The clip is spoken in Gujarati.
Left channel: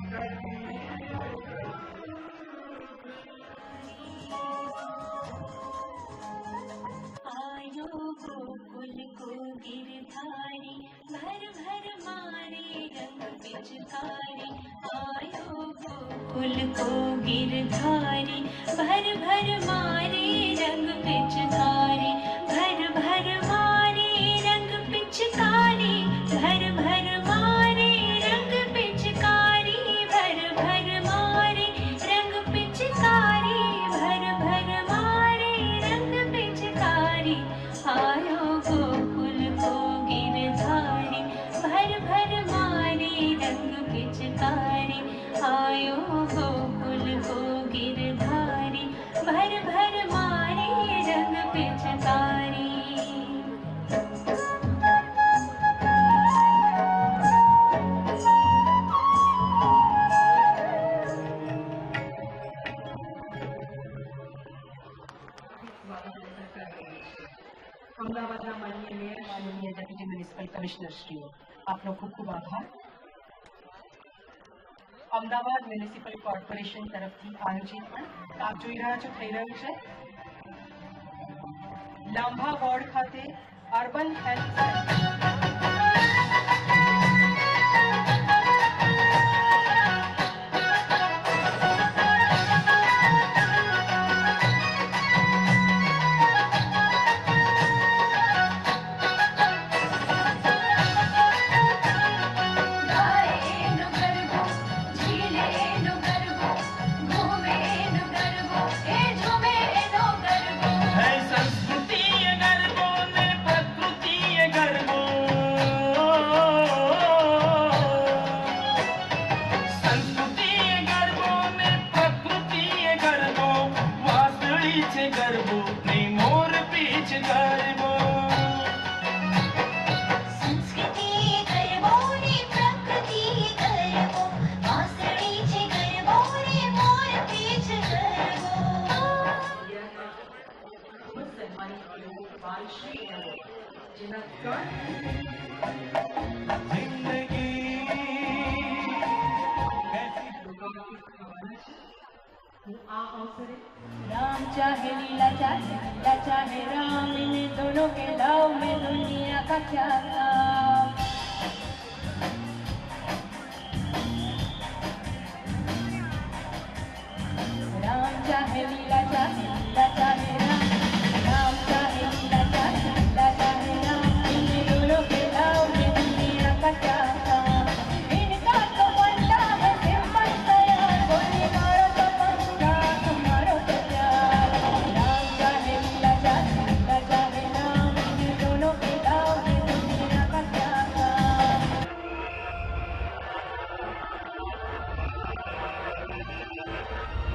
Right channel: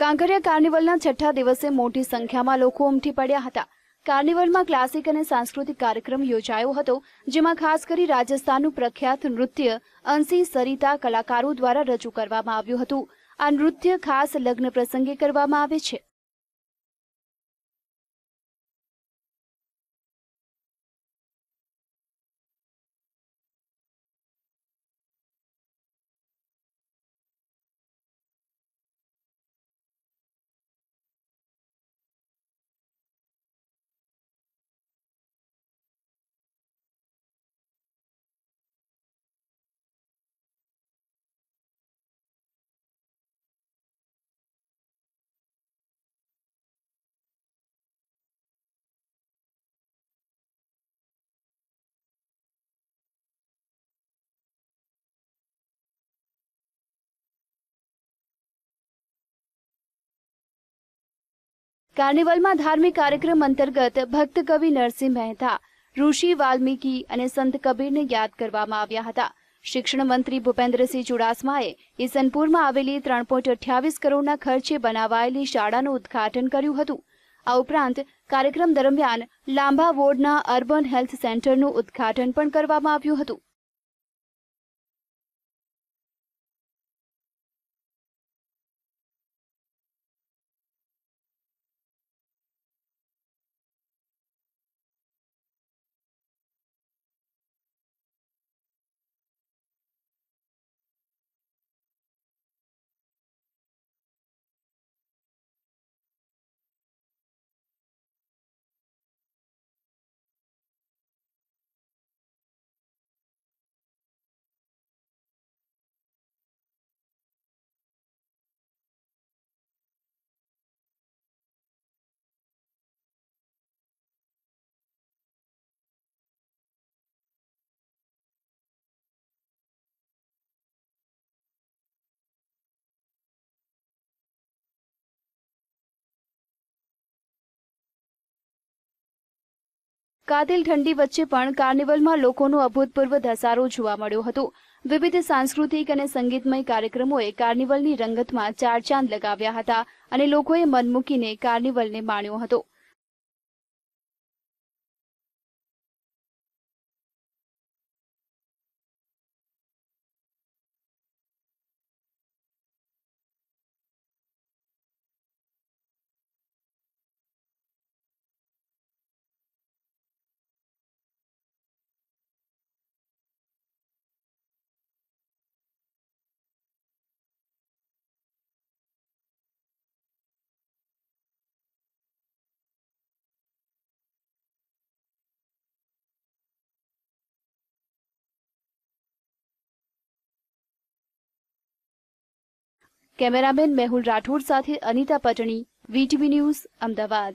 કાંકરિયા કાર્નિવલના છઠ્ઠા દિવસે મોટી સંખ્યામાં લોકો ઉમટી પડ્યા હતા. કાર્નિવલમાં ક્લાસિક અને સાંસ્કૃતિક કાર્યક્રમ યોજાયો હતો, જેમાં ખાસ કરી રાજસ્થાનનું પ્રખ્યાત નૃત્ય અંશી સરિતા કલાકારો દ્વારા રજૂ કરવામાં આવ્યું હતું. આ નૃત્ય ખાસ લગ્ન પ્રસંગે કરવામાં આવે છે. ભર ભર મારે રંગ કાર્નિવલમાં ધાર્મિક કાર્યક્રમ અંતર્ગત ભક્ત કવિ નરસિંહ મહેતા, ઋષિ વાલ્મીકી અને સંત કબીરને યાદ કરવામાં આવ્યા હતા. શિક્ષણ મંત્રી ભૂપેન્દ્રસિંહ ચુડાસમાએ ઈસનપુરમાં આવેલી ત્રણ પોઈન્ટ અઠ્યાવીસ કરોડના ખર્ચે બનાવાયેલી શાળાનું ઉદ્ઘાટન કર્યું હતું. આ ઉપરાંત કાર્યક્રમ દરમિયાન લાંબા વોર્ડના અર્બન હેલ્થ સેન્ટરનું ઉદ્ઘાટન પણ કરવામાં આવ્યું હતું. પીછ કરવો સંસ્કૃતિ ગરબો ને પ્રકૃતિ ગરબો વાસળી છે ગરબો ને મોર પીછ કરવો. કાતિલ ઠંડી વચ્ચે પણ કાર્નિવલમાં લોકોનો અભૂતપૂર્વ ધસારો જોવા મળ્યો હતો. વિવિધ સાંસ્કૃતિક અને સંગીતમય કાર્યક્રમોએ કાર્નિવલની રંગતમાં ચાર ચાંદ લગાવ્યા હતા અને લોકોએ મન મૂકીને કાર્નિવલને માણ્યો હતો. राम चाहे लीला चाहे लीला चाहे राम इन दोनों के दाव में दुनिया का क्या काम राम चाहे लीला चाहे लीला કેમેરામેન મેહુલ રાઠોડ સાથે અનિતા પટણી વીટીવી ન્યૂઝ અમદાવાદ.